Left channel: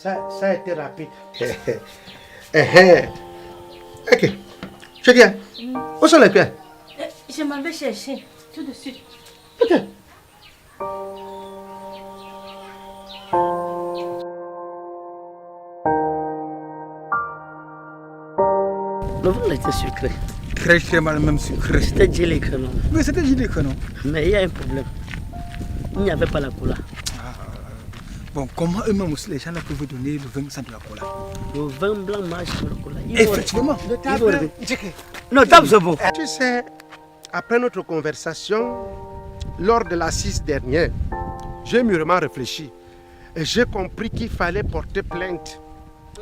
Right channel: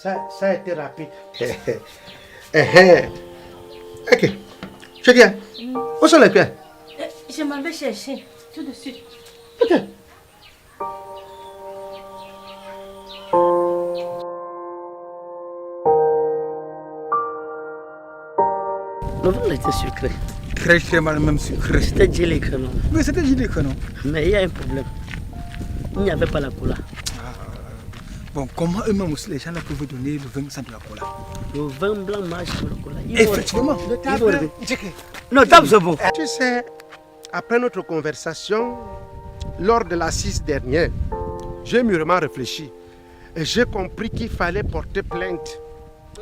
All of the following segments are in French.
Ça a été rapide. Ok. Je viens. Où sont les pieds? Je m'en vais chercher tout de suite. Ok. Le vin était sucré. Très mal, même sucré. C'était gelé que non. Oui, c'était gelé que non. Mais il y a un problème. Il n'y avait pas la cola. Bon, comment eux-mêmes aussi les gens là peuvent donner le vin sans de la cola? Le vin blanc marche sur le cola. Effectivement. Notable, c'est bon. Tu sais, après notre conversation, lors de l'assise dernière, j'ai mûrement réfléchi et j'ai compris qu'il fallait porter plainte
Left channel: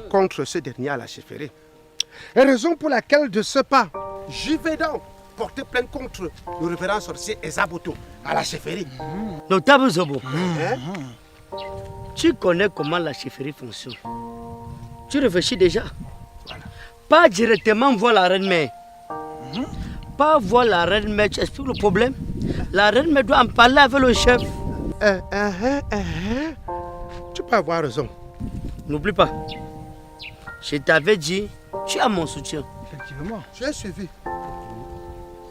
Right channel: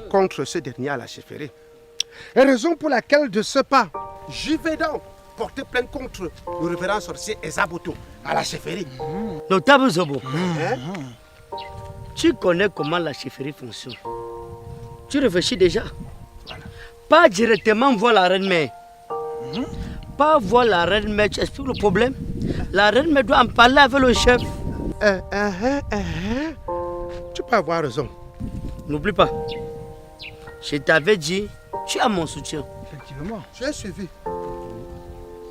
contre ce dernier à la chefferie. Et raison pour laquelle, de ce pas, j'y vais donc porter plainte contre le révérend sorcier Ezaboto à la chefferie. Notable, c'est bon. Tu connais comment la chefferie fonctionne. Tu réfléchis déjà. Voilà. Pas directement voir la reine-mère. Pas voir la reine-mère, tu expliques le problème. La reine-mère doit en parler avec le chef. Tu peux avoir raison. N'oublie pas. Je t'avais dit, tu as mon soutien. Effectivement. Tu es suivi.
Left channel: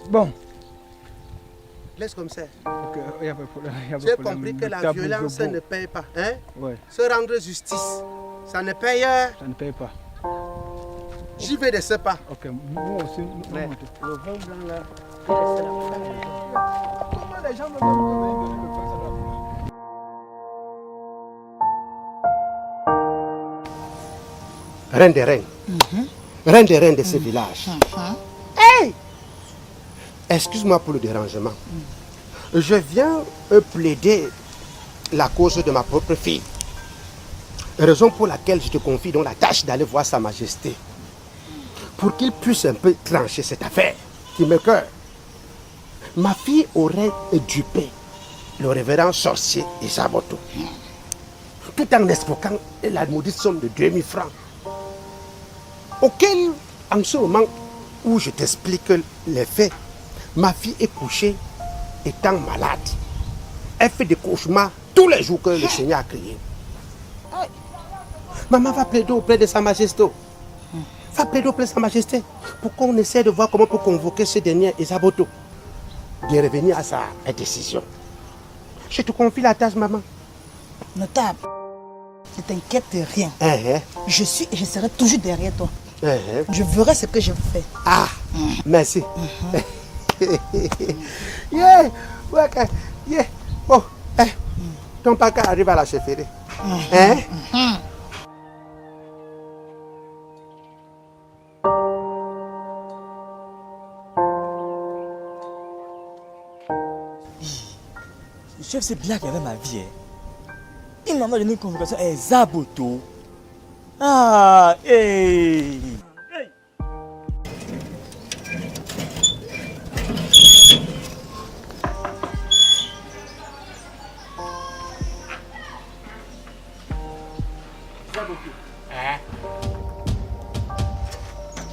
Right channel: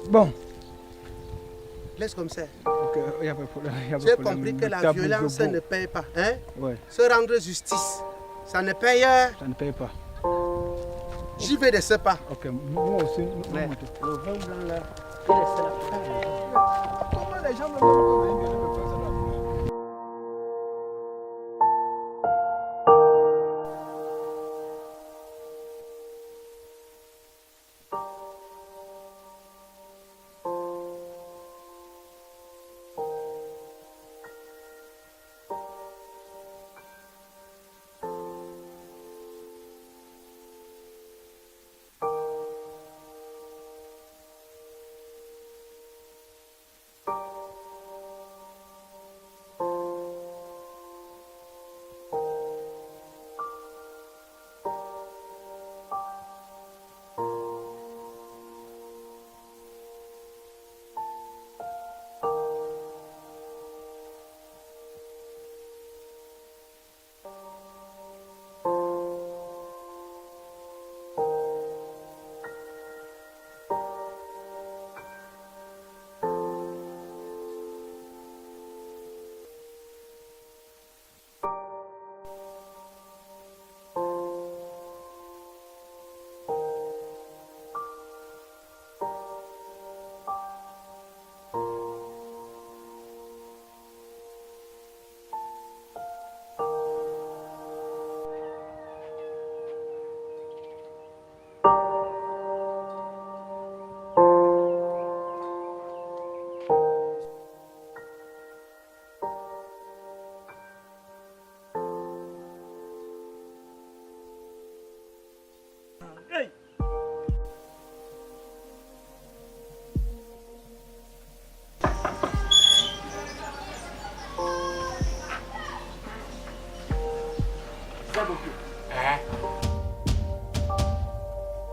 Bon. Laisse comme ça. Ok, il n'y a pas de problème. Tu as compris que la violence ne paye pas. Hein? Ouais. Se rendre justice, ça ne paye. Ça ne paye pas. J'y vais de ce pas. Ok, moi aussi. Mais le vin blanc là, il est là. Comment les gens me donnent le vin sans de la cola? Reine des reines. Reine des reines de ce village. Hey! Excuse-moi pour le dérangement. Je viens plaider la cause de ma propre fille. Raison pour laquelle je te confie donc la tâche d'aller voir Sa Majesté. Pour qu'il puisse un peu trancher cette affaire qui me cœur. Ma fille aurait dupé le révérend sorcier Ezaboto. Tout en expliquant la maudite somme de 2000 francs. Auquel, en ce moment où je t'explique les faits, ma fille est couchée étant malade. Elle fait des cauchemars tous les jours que le Seigneur a créés. Maman va plaider auprès de Sa Majesté. Va plaider auprès de Sa Majesté pour qu'on essaie de voir comment on peut convoquer ce dernier Ezaboto de revenir à sa décision. Je te confie la tâche, maman. Notable, ne t'inquiète de rien. Je suis et je serai toujours derrière toi. Je verrai ce que je fais. Ah, merci. Yeah, ouais, yeah. Bon, ton papa arrive à la chefferie. Le chef c'est bien qu'il avait ma vie. Il m'a donné une convocation à Ezaboto. Ah, hey.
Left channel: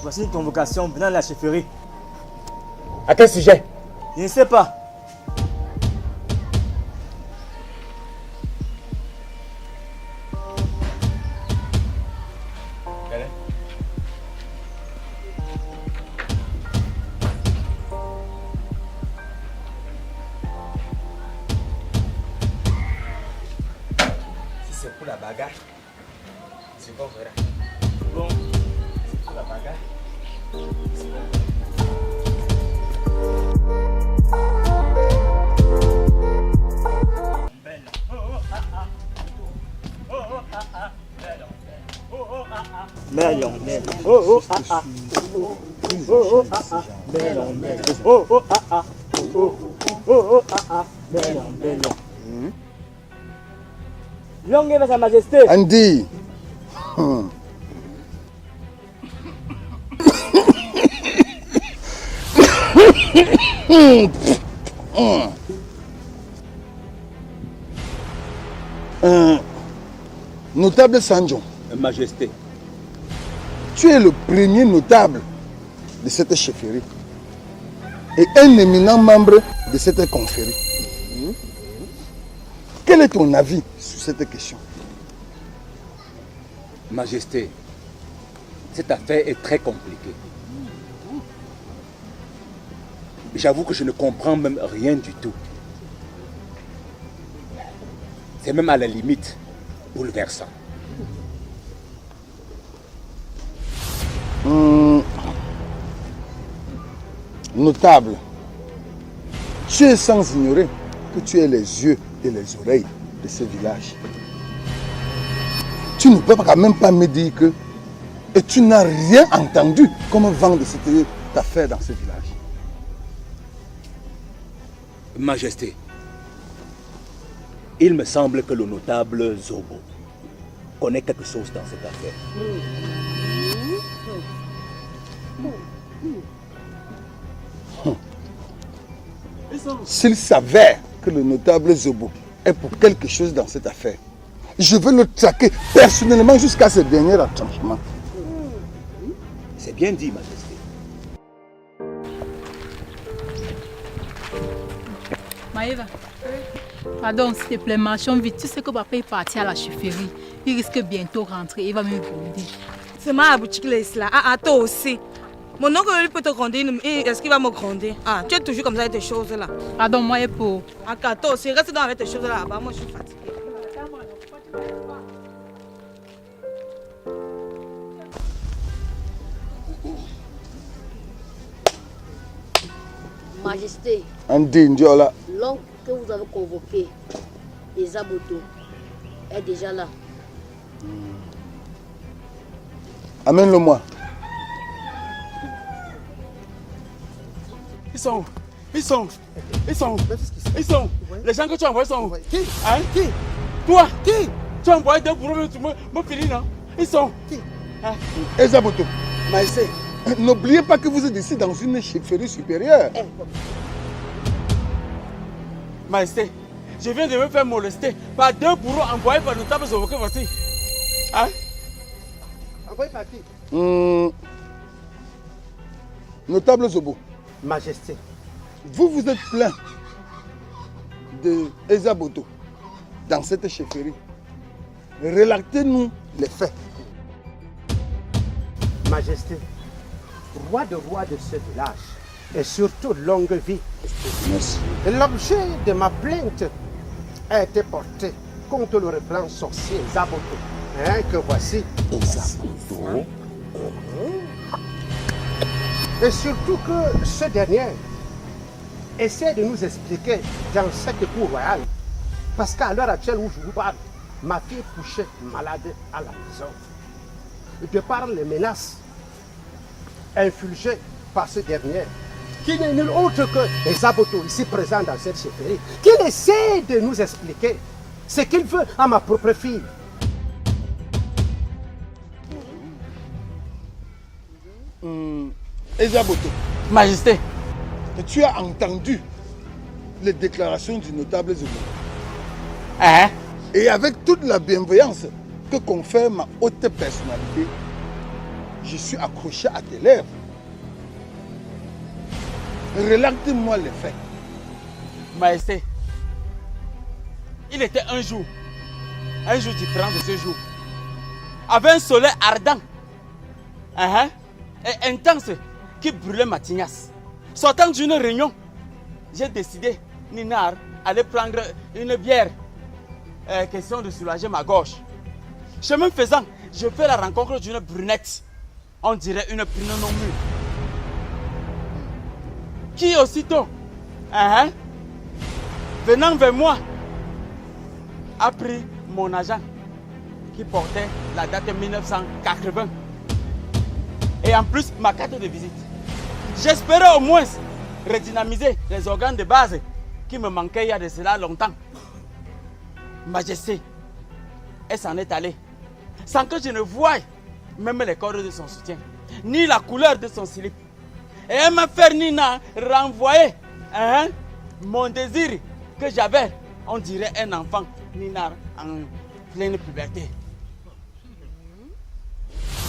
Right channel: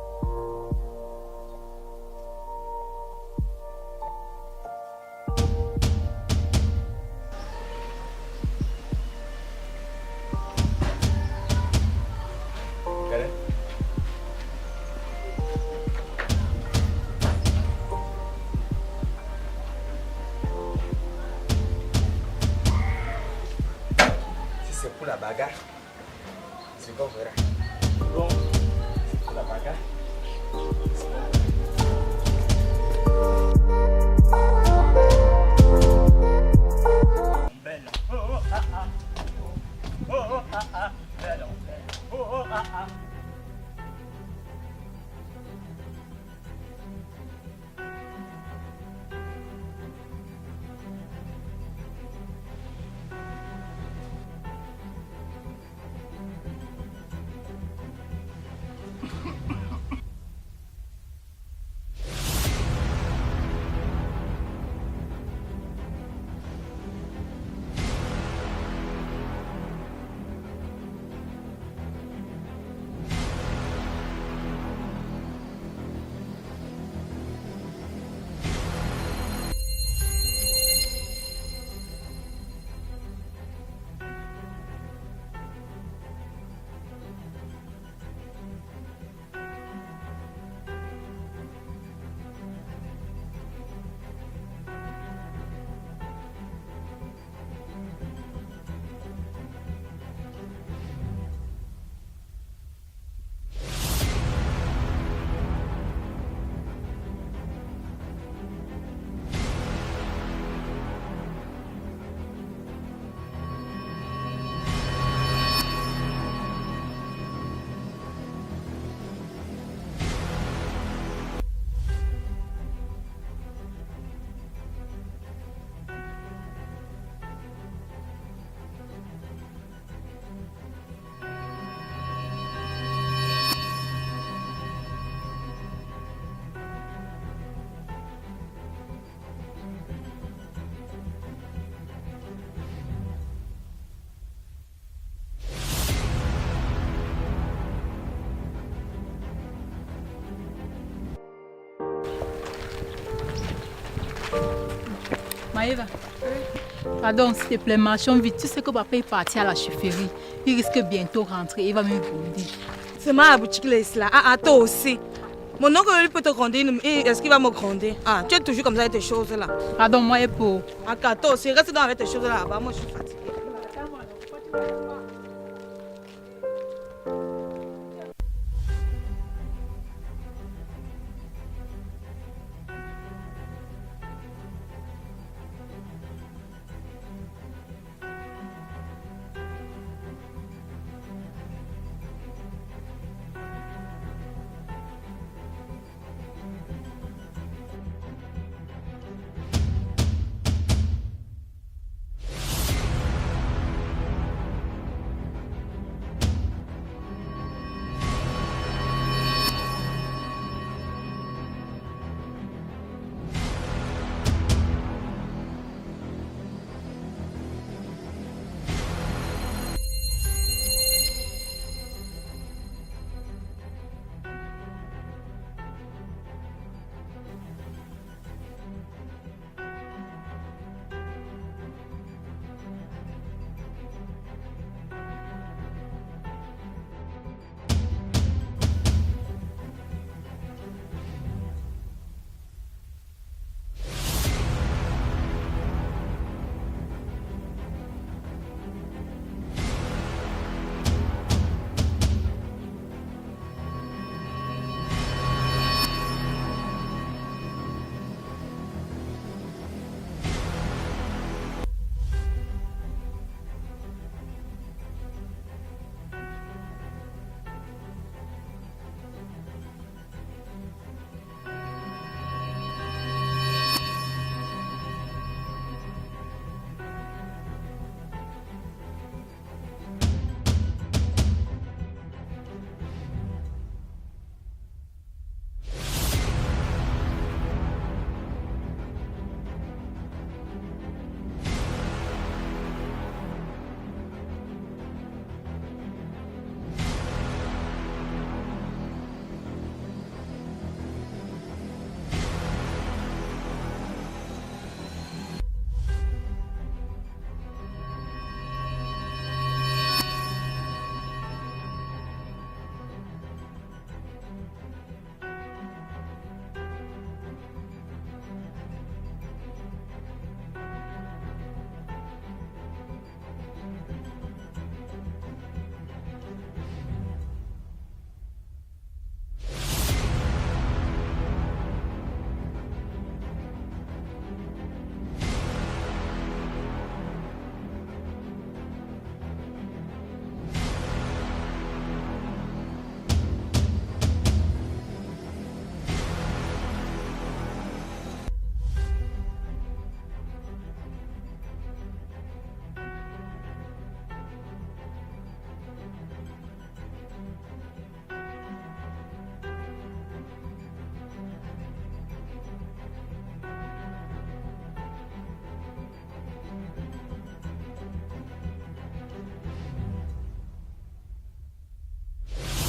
Voici une convocation venant de la chefferie. À quel sujet? Je ne sais pas. Si c'est pour la bagarre, c'est qu'on verra. Bon. C'est pour la bagarre. Melon, melon, oh oh ah ah, oh oh ah ah, melon, melon, oh oh ah ah, oh oh ah ah, melon, melon. Longue va Sa Majesté. Andy. Notable Sanjo. Majesté. Tu es le premier notable de cette chefferie. et un éminent membre de cette confrérie. Quel est ton avis sur cette question? Majesté, cette affaire est très compliquée. J'avoue que je ne comprends même rien du tout. C'est même à la limite bouleversant. Notable, tu es sans ignorer que tu es les yeux et les oreilles de ce village. Tu ne peux quand même pas me dire que et tu n'as rien entendu comme vent de cette affaire dans ce village. Majesté, il me semble que le notable Zobo connaît quelque chose dans cette affaire. S'il s'avère que le notable Zobo est pour quelque chose dans cette affaire, je veux le traquer personnellement jusqu'à ce dernier retranchement. C'est bien dit, Majesté. Maëva, pardon, s'il te plaît, marchons vite. Tu sais que papa est parti à la chefferie. Il risque bientôt rentrer. Il va me gronder. C'est ma boutique là. Ah, toi aussi. Mon oncle lui peut te gronder. Est-ce qu'il va me gronder? Ah, tu es toujours comme ça avec tes choses là. Pardon, moi et pour. Ah, toi aussi, reste dans avec tes choses là. Moi, je suis fatiguée. Majesté, l'oncle que vous avez convoqué, les Aboto, est déjà là. Amène-le-moi. Ils sont les gens que tu as envoyés sont. Qui? Hein? Qui? Toi? Qui? Tu as envoyé deux pour me filer, non? Ils sont. Hein? Ezaboto, Maïsé, n'oubliez pas que vous êtes ici dans une chefferie supérieure. Majesté, je viens de me faire molester par deux bourreaux envoyés par le notable Zobo. Voici. Hein? Envoyé par qui? Notable Zobo. Majesté. Vous vous êtes plaint de Ezaboto dans cette chefferie. Relatez-nous les faits. Majesté, roi de ce village et surtout longue vie. Merci. L'objet de ma plainte a été porté contre le révérend sorcier Ezaboto. Que voici. Ezaboto. Et surtout que ce dernier essaie de nous expliquer dans cette cour royale. Parce qu'à l'heure actuelle où je vous parle, ma fille est couchée malade à la maison. De par les menaces infligées par ce dernier, qui n'est nul autre que Ezaboto ici présent dans cette chefferie, qui essaie de nous expliquer ce qu'il veut à ma propre fille. Ezaboto. Majesté. Tu as entendu les déclarations du notable Zobo. Hein? Et avec toute la bienveillance que confère ma haute personnalité, je suis accroché à tes lèvres. Relate-moi les faits. Majesté, il était un jour différent de ce jour, avec un soleil ardent et intense qui brûlait ma tignasse. Sortant d'une réunion, j'ai décidé, Ninar, aller prendre une bière. Question de soulager ma gorge. Chemin faisant, je fais la rencontre d'une brunette. On dirait une prune non mûre. Qui aussitôt, venant vers moi, a pris mon agent qui portait la date de 1980. Et en plus, ma carte de visite. J'espérais au moins redynamiser les organes de base qui me manquaient il y a de cela longtemps. Majesté, elle s'en est allée sans que je ne voie même les cordes de son soutien, ni la couleur de son slip. Et elle m'a fait Nina renvoyer mon désir que j'avais, on dirait un enfant, Nina en pleine puberté.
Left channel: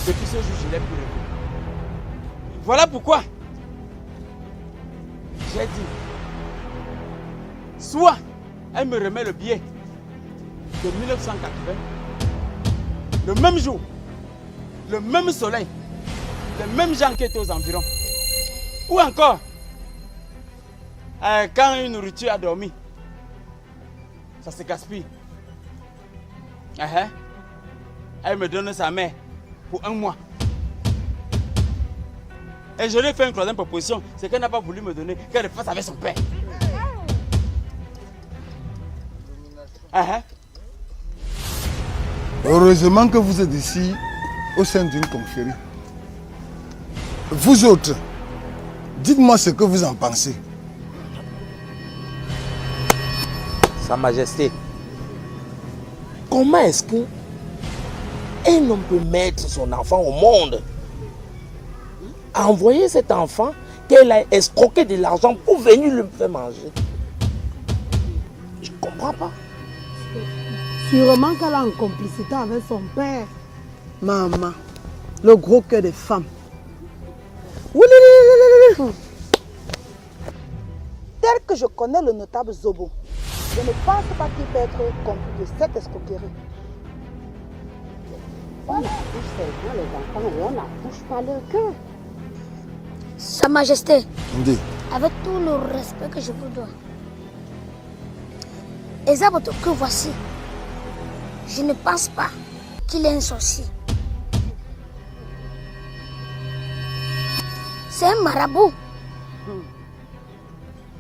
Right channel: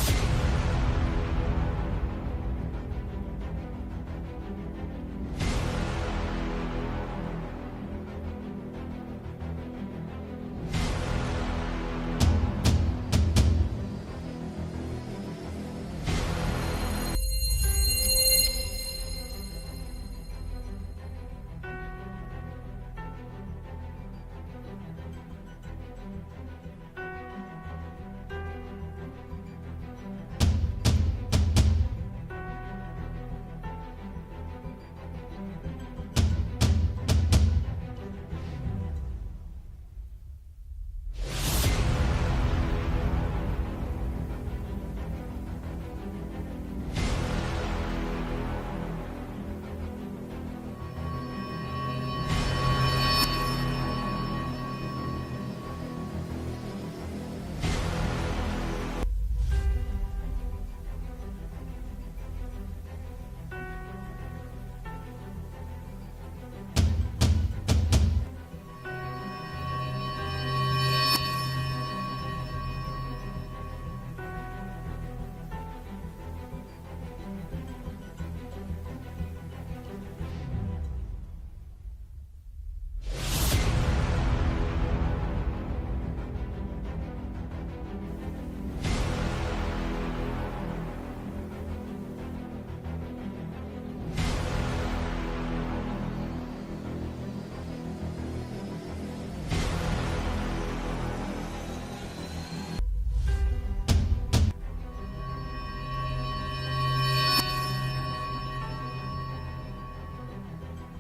Depuis ce jour, je l'ai plus. Voilà pourquoi J'ai dit, soit elle me remet le billet de 1980, le même jour, le même soleil, les mêmes gens qui étaient aux environs. Ou encore, quand une nourriture a dormi, ça se gaspille. Elle me donne sa mère pour 1 mois. Et je lui ai fait une troisième proposition, c'est qu'elle n'a pas voulu me donner, qu'elle fasse avec son père. Heureusement que vous êtes ici au sein d'une confrérie. Vous autres, dites-moi ce que vous en pensez. Sa Majesté, comment est-ce que un homme peut mettre son enfant au monde, envoyer cet enfant qu'elle a escroqué de l'argent pour venir le faire manger? Je ne comprends pas. Sûrement qu'elle a une complicité avec son père. Maman, le gros cœur des femmes. Tel que je connais le notable Zobo, je ne pense pas qu'il peut être complice de cette escroquerie. On touche les enfants et on la touche pas leur cœur. Sa Majesté, avec tout le respect que je vous dois, Ezaboto que voici, je ne pense pas qu'il est un sorcier. C'est un marabout.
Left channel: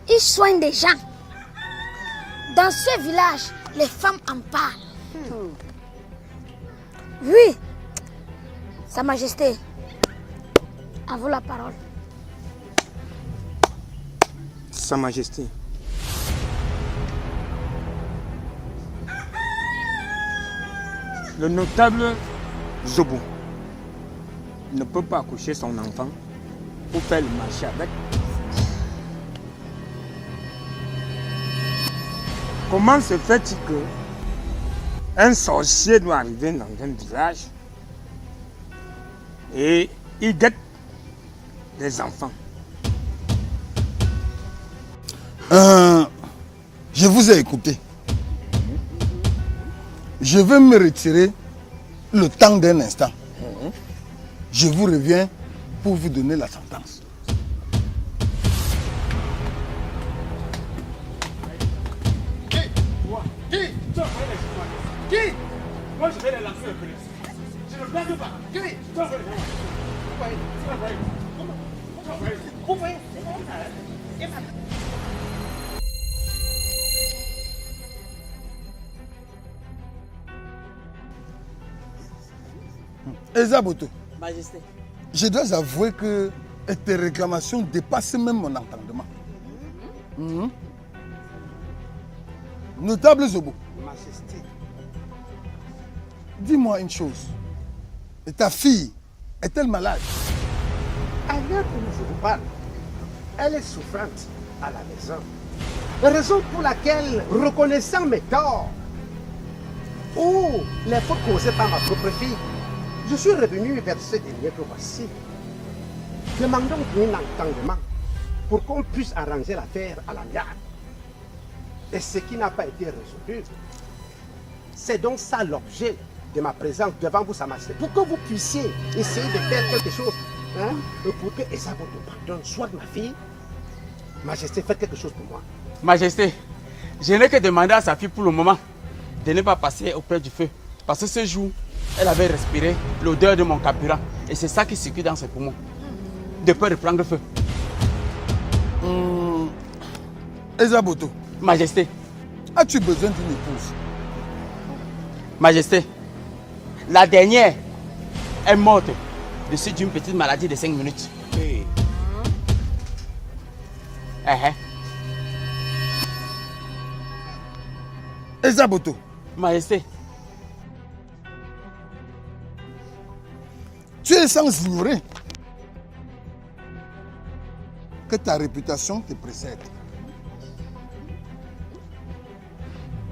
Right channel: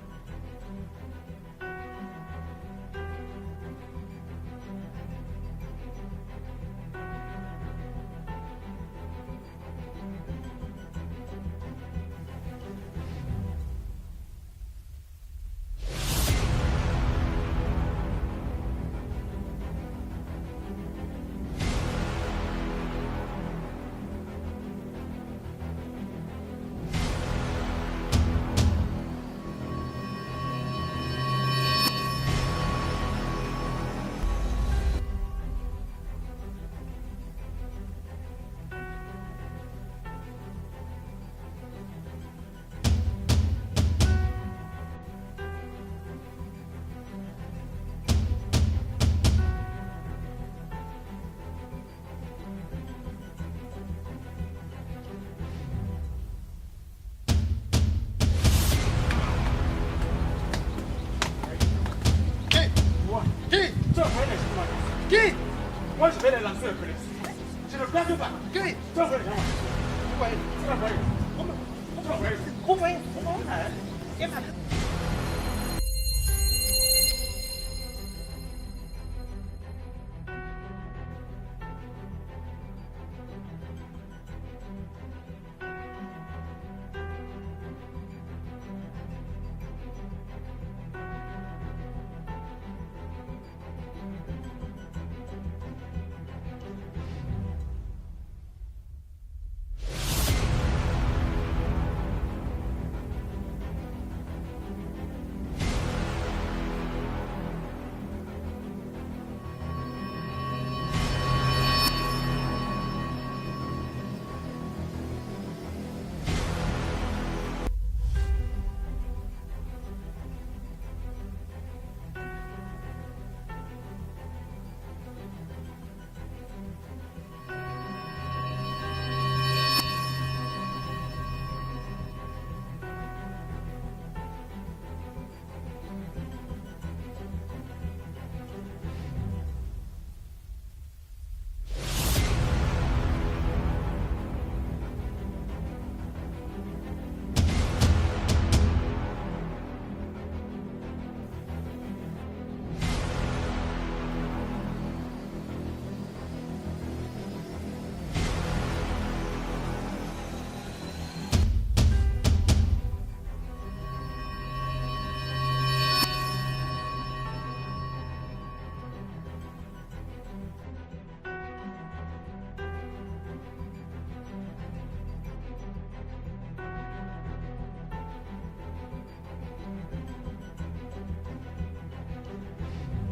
Il soigne des gens. Dans ce village, les femmes en parlent. Oui, Sa Majesté, à vous la parole. Sa Majesté. Le notable Zobo ne peut pas accoucher son enfant pour faire le marché avec. Comment se fait-il que un sorcier doit arriver dans un village et il guette des enfants? Je vous ai écouté. Je vais me retirer le temps d'un instant. Je vous reviens pour vous donner la sentence. Qui? Moi je vais les lancer le police. Je ne blague pas. Qui? Tu vas voir les gens. Vous voyez? Tu vas voir. Vous voyez? Ezaboto, Majesté. je dois avouer que tes réclamations dépassent même mon entendement. Notable Zobo, Majesté. Dis-moi une chose. Et ta fille est-elle malade? À l'heure où je vous parle, elle est souffrante à la maison. La raison pour laquelle, reconnaissant mes torts ou les fautes causées par ma propre fille, je suis revenu vers ce dernier que voici, demandant un entendement pour qu'on puisse arranger l'affaire à l'amiable. Et ce qui n'a pas été résolu, c'est donc ça l'objet de ma présence devant vous, Sa Majesté, pour que vous puissiez essayer de faire quelque chose, et pour que Ezaboto pardonne soit ma fille. Majesté, faites quelque chose pour moi. Majesté, je n'ai que demandé à sa fille pour le moment de ne pas passer auprès du feu. Parce que ce jour, elle avait respiré l'odeur de mon carburant. Et c'est ça qui circule dans ses poumons. De peur de prendre feu. Ezaboto. Majesté. As-tu besoin d'une épouse? Majesté, la dernière est morte de suite d'une petite maladie de 5 minutes. Ezaboto. Majesté. Tu es sans ignorer que ta réputation te précède.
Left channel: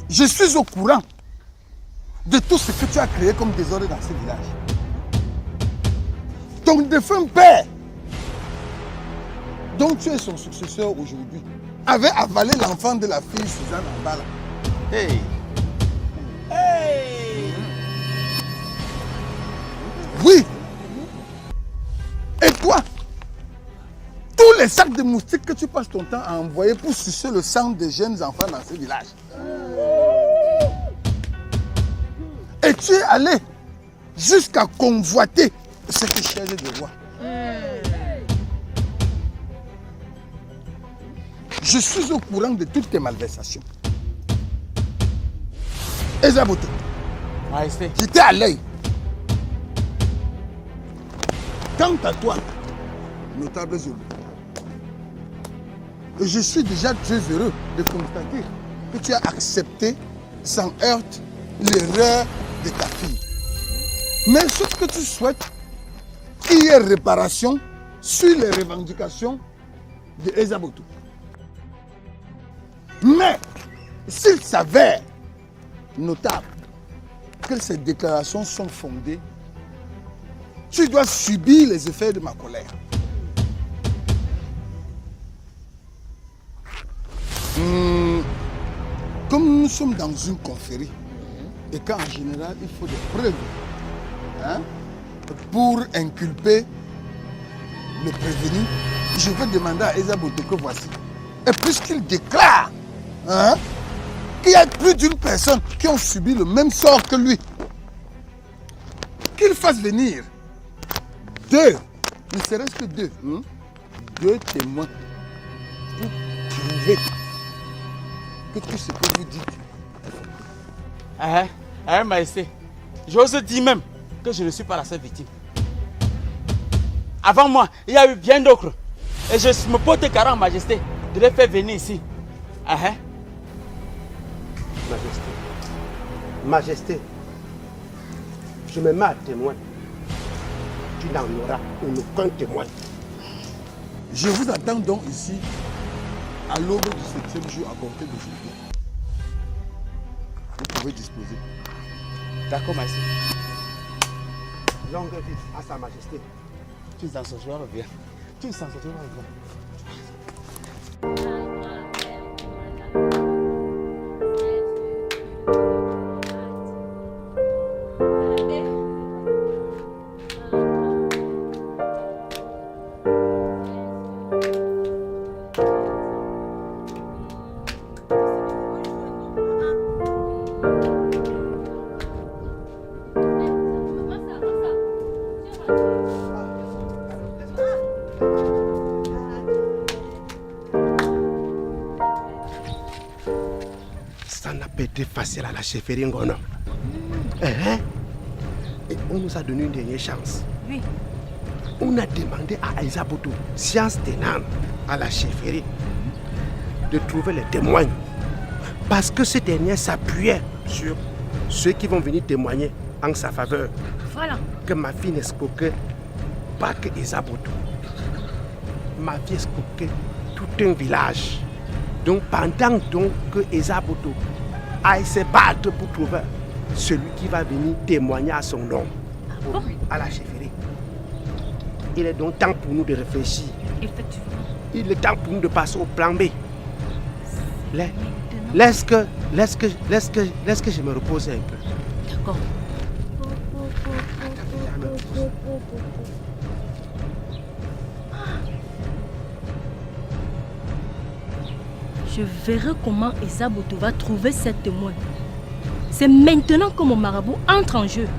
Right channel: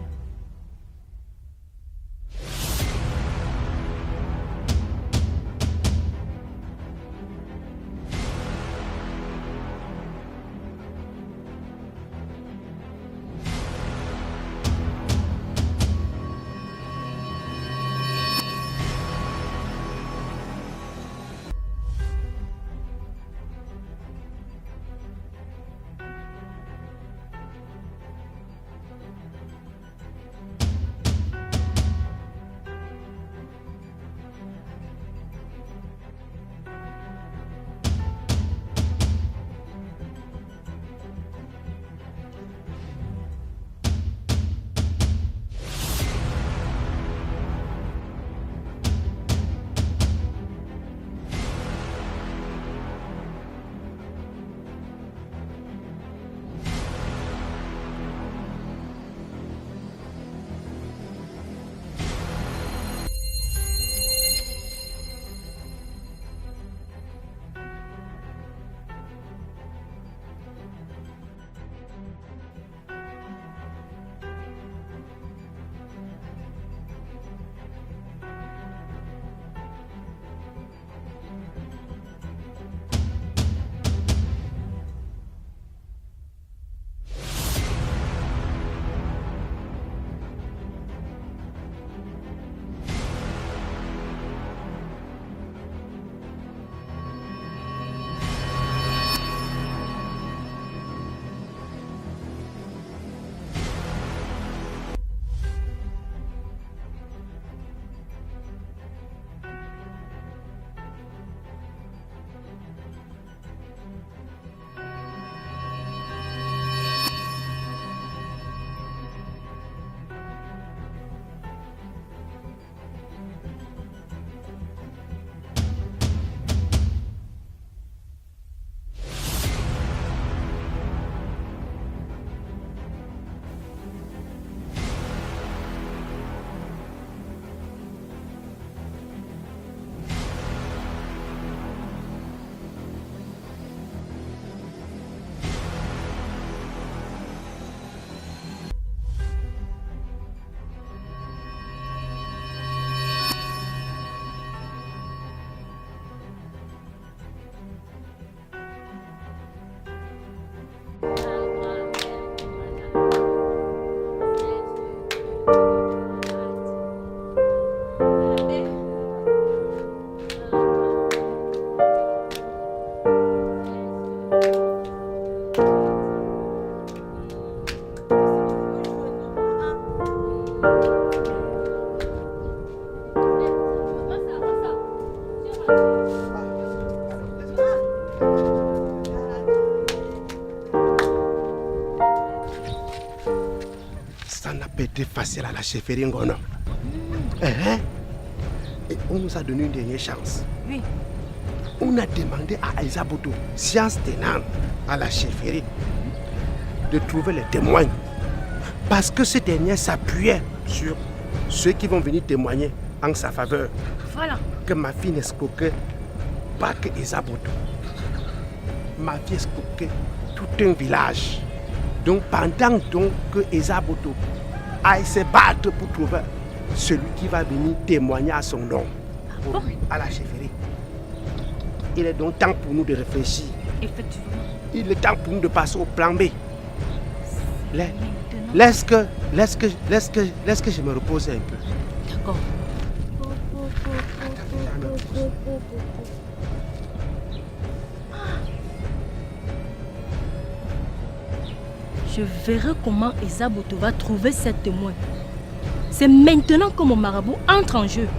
Je suis au courant de tout ce que tu as créé comme désordre dans ce village. Ton défunt père, dont tu es son successeur aujourd'hui, avait avalé l'enfant de la fille Suzanne Ambala. Hey. Oui. Et toi, tous les sacs de moustiques que tu passes ton temps à envoyer pour sucer le sang des jeunes enfants dans ce village. Et tu es allé jusqu'à convoiter cette chaise de roi. Je suis au courant de toutes tes malversations. Ezaboto, j'étais à l'œil. Quant à toi, notable Zobo, je suis déjà très heureux de constater que tu as accepté sans heurte l'erreur de ta fille. Mais ce que tu souhaites, qu'il y ait réparation sur les revendications de Ezaboto. Mais s'il s'avère notable que ces déclarations sont fondées, tu dois subir les effets de ma colère. Comme nous sommes dans une confrérie, et qu'en général il faut des preuves pour inculper le prévenu, je vais demander à Ezaboto que voici. Et puisqu'il déclare qu'il y a plus d'une personne qui ont subi le même sort que lui, qu'il fasse venir deux, ne serait-ce que deux témoins pour prouver que tout ce que vous dites. Maïsté, j'ose dire même que je ne suis pas la seule victime. Avant moi, il y a eu bien d'autres. Et je me porte carré en majesté de les faire venir ici. Majesté, je me mets à témoin. Tu n'en auras aucun témoin. Je vous attends donc ici à l'aube du 7e jour à compter de juillet. Vous pouvez disposer. D'accord, majesté. Longue vie à sa majesté. Tu t'en sortiras bien. Tu t'en sortiras bien. Ça n'a pas été facile à la chefferie Ngono. Et on nous a donné une dernière chance. Oui. On a demandé à Ezaboto, science tenante à la chefferie, de trouver les témoins. Parce que ce dernier s'appuyait sur ceux qui vont venir témoigner en sa faveur. Voilà. Que ma fille n'escroquait pas que Ezaboto. Ma fille escroquait tout un village. Donc pendant donc que Ezaboto aille se battre pour trouver celui qui va venir témoigner à son nom à la chefferie, il est donc temps pour nous de réfléchir. Effectivement. Il est temps pour nous de passer au plan B. Laisse que je me repose un peu. D'accord. Je verrai comment Ezaboto va trouver cet témoin. C'est maintenant que mon marabout entre en jeu.